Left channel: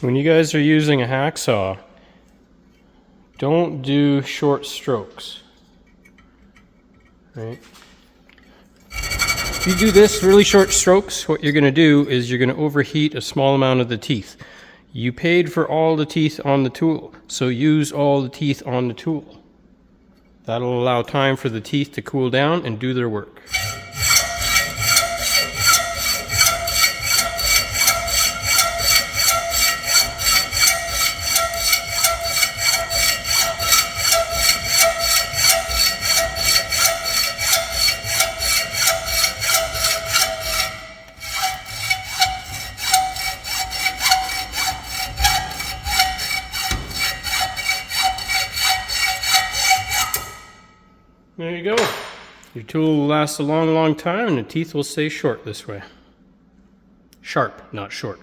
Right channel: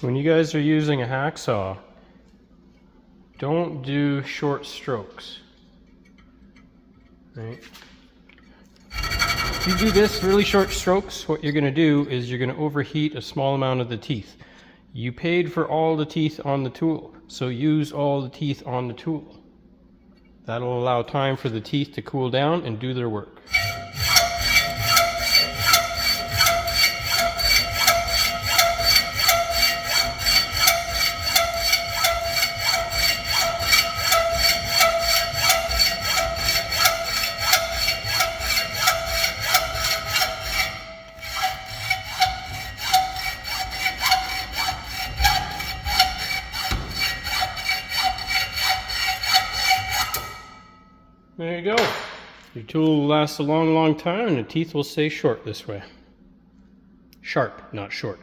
When you guys are using a hacksaw, don't do short strokes. Right? If you do this really short strokes, what you're going to do is you're going to overheat a small amount of the teeth. You paid for all the teeth on the tool, so use all the teeth on the tool. That'll allow time for the teeth to cool down and do their work. There you go. Your tool will last a long, long time and the teeth will stay short this way. Sharp, not short.